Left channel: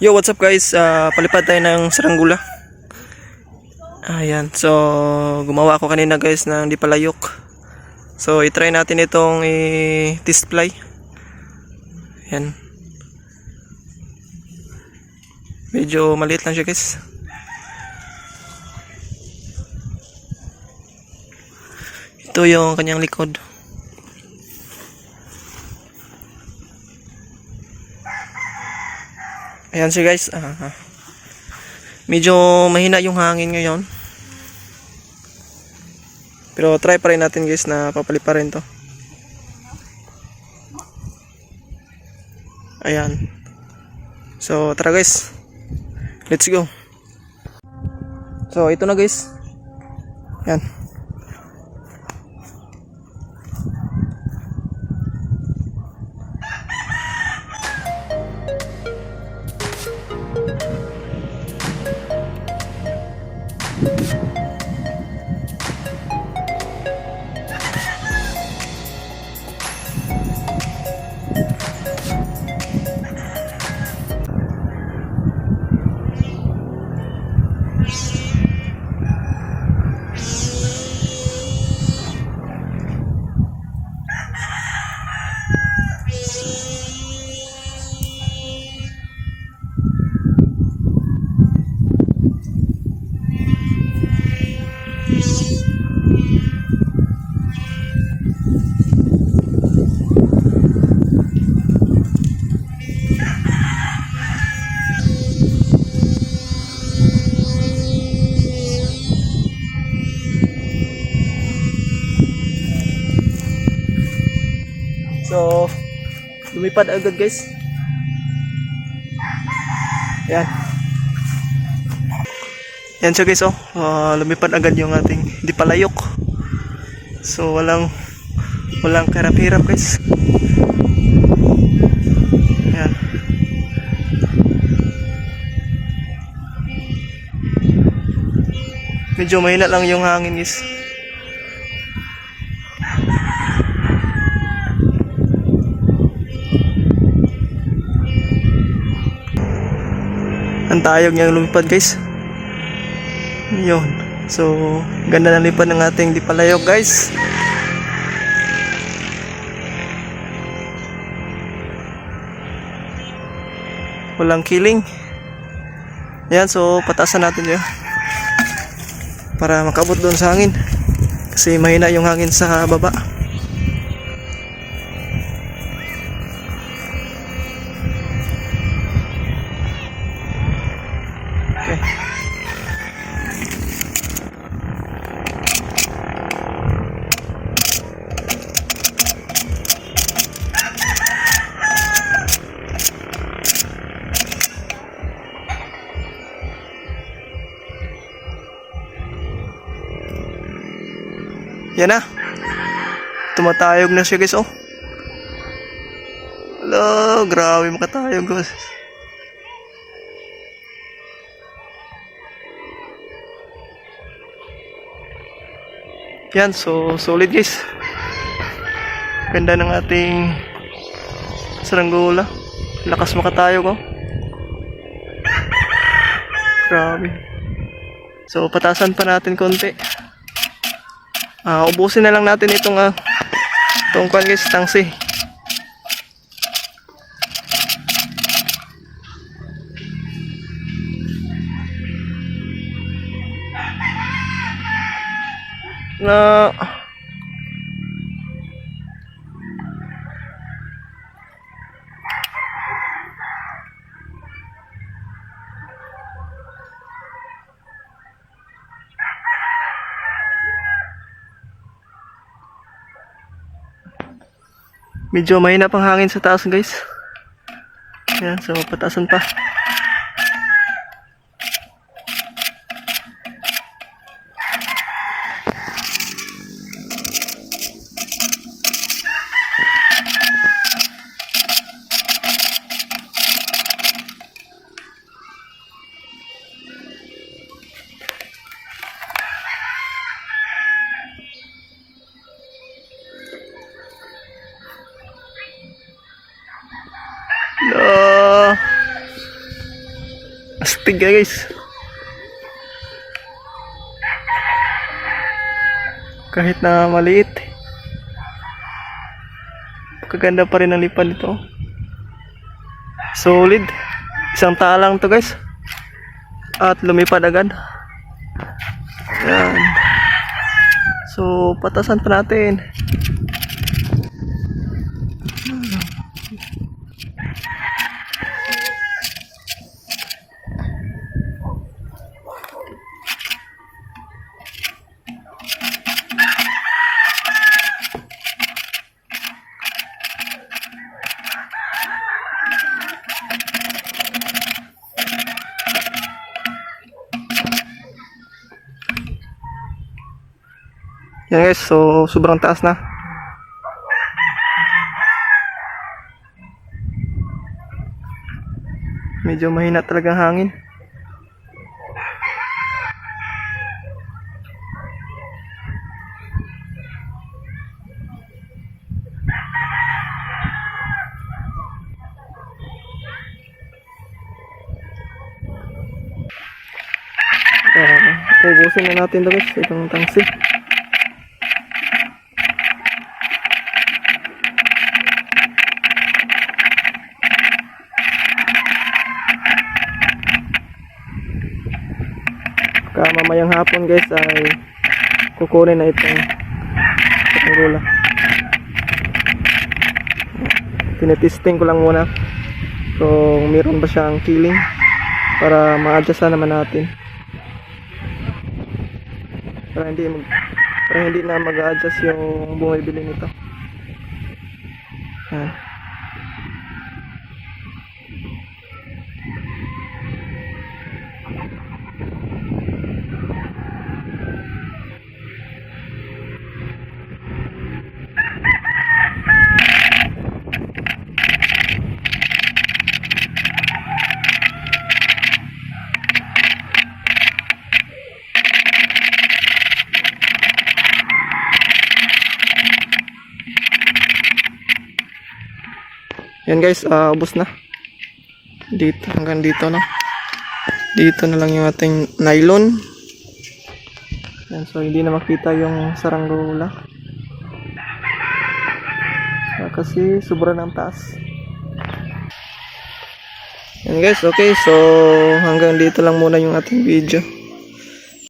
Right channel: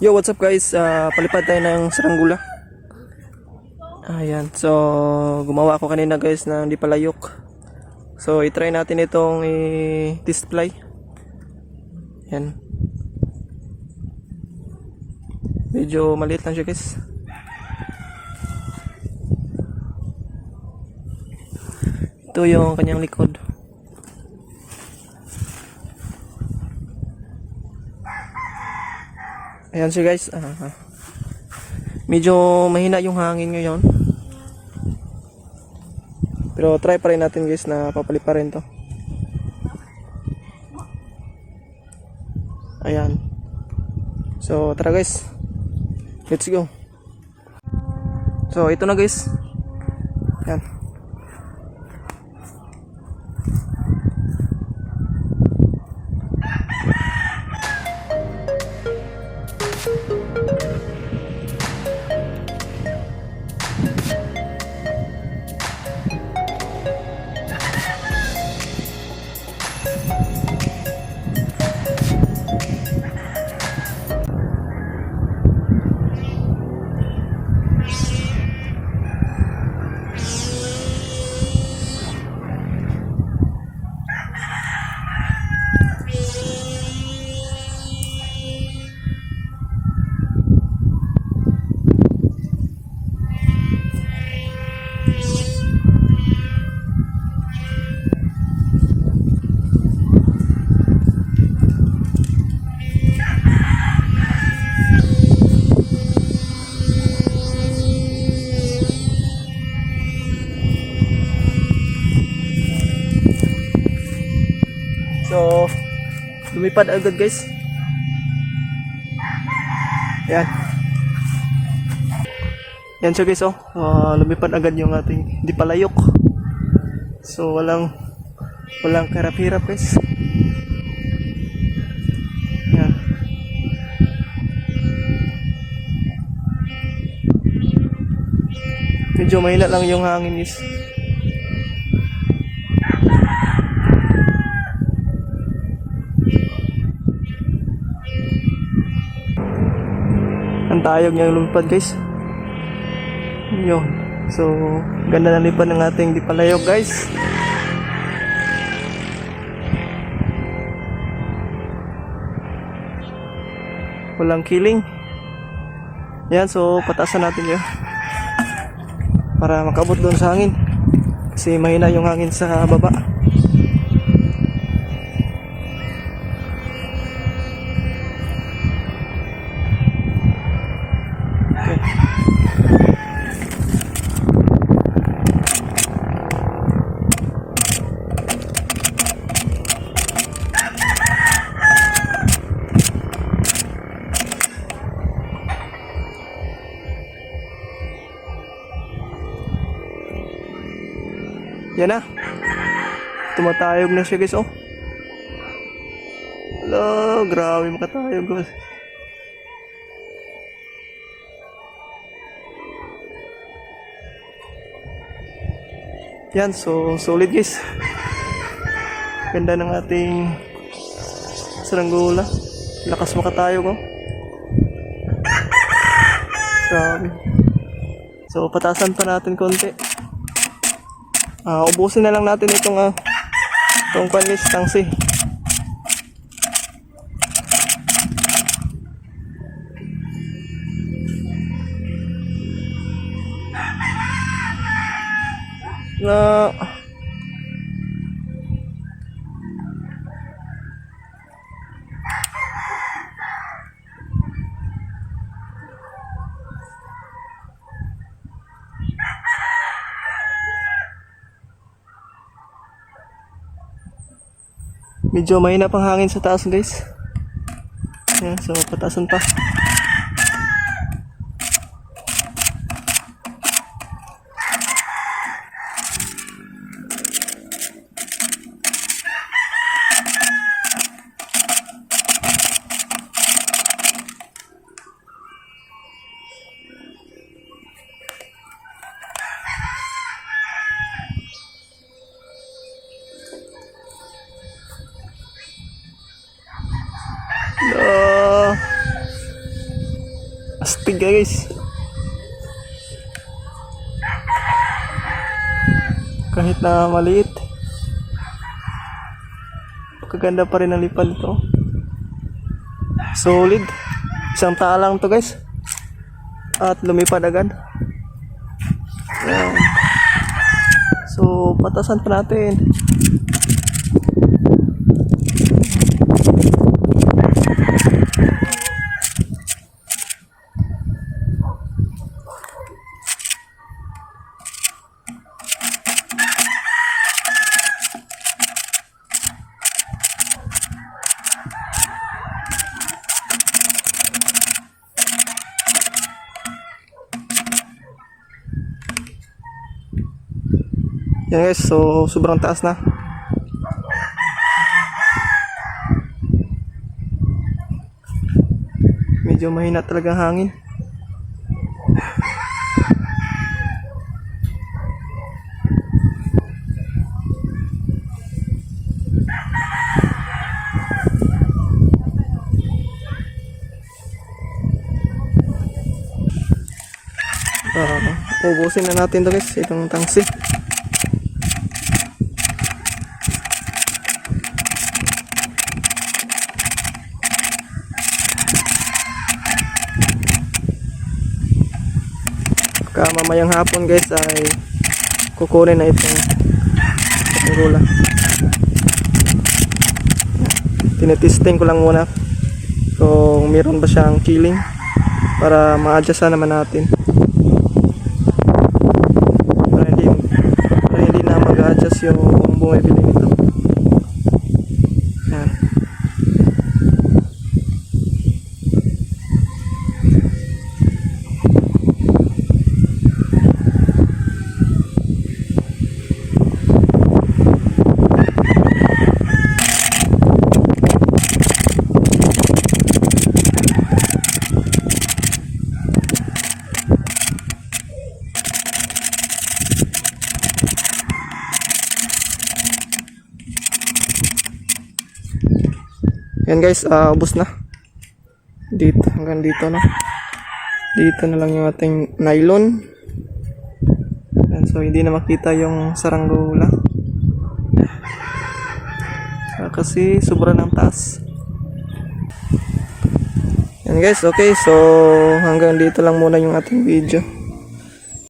Yo, what's up guys? Palipad tayo ng saranggula. Ayan, so gumawa ako kanina guys ng di palayok. So i-try natin itong test fly. Ayan. Medyo maliit lang siya guys. Ito yung kanyang likod. Ayan siya guys. Medyo mahina yung hangin ngayon. Pero try pa rin natin guys na papalipa rin to. Ayan. So tara guys. Let's go. So ito na guys. Ayan. So, lumipad agad guys. Ayan. Yan siya guys, oh. Lumipad agad yung ating di palayok. So, walang karap-hirap guys. Ayan. Medyo mahina lang yung hangin guys. Ang tayog niyang lumipad guys. Yun. So ganda ng lipad ng ating di palayok guys. Walang killing. Yan, so patasan natin yun para makabot doon sa hangin. Kasi mahina yung hangin sa baba. Okay. Yan na. Tumatayog na siya guys, oh. Hello, grabe makatayog guys. Yan, so solid guys. Ganda ng ating saranggula. Lakas makatayog, oh. Grabe. So patasan pa natin konti. Ubusin na lang natin itong kwan guys, tangsi. Na medyo mahina pang hangin sa taas guys. Yan, so patasan pa. No. Astig guys. Kahit na maliit, kaganda pa rin ang lipad nito. Solid. Isang talang to guys. At lumipad agad. Yan. So, patasan pa natin. Yan guys, so sobrang taas na. Medyo mahina talagang hangin. Ubusin na natin to guys, itong tangsi. Mamayang hapon guys ay kukunin na itong gula. Tinetesting ko lang muna kung meron ba siyang killing para ma-adjust naman natin para hindi na mag-adjust yung bumibili nito. Yan guys, ubos na. Dito, hanggang dito na. Dito na lang yung ating nylon. Yan, so hindi na makita yung saranggola. Kasi sobra ng taas. Yan guys, okay. So hanggang dito lang muna yung ating video.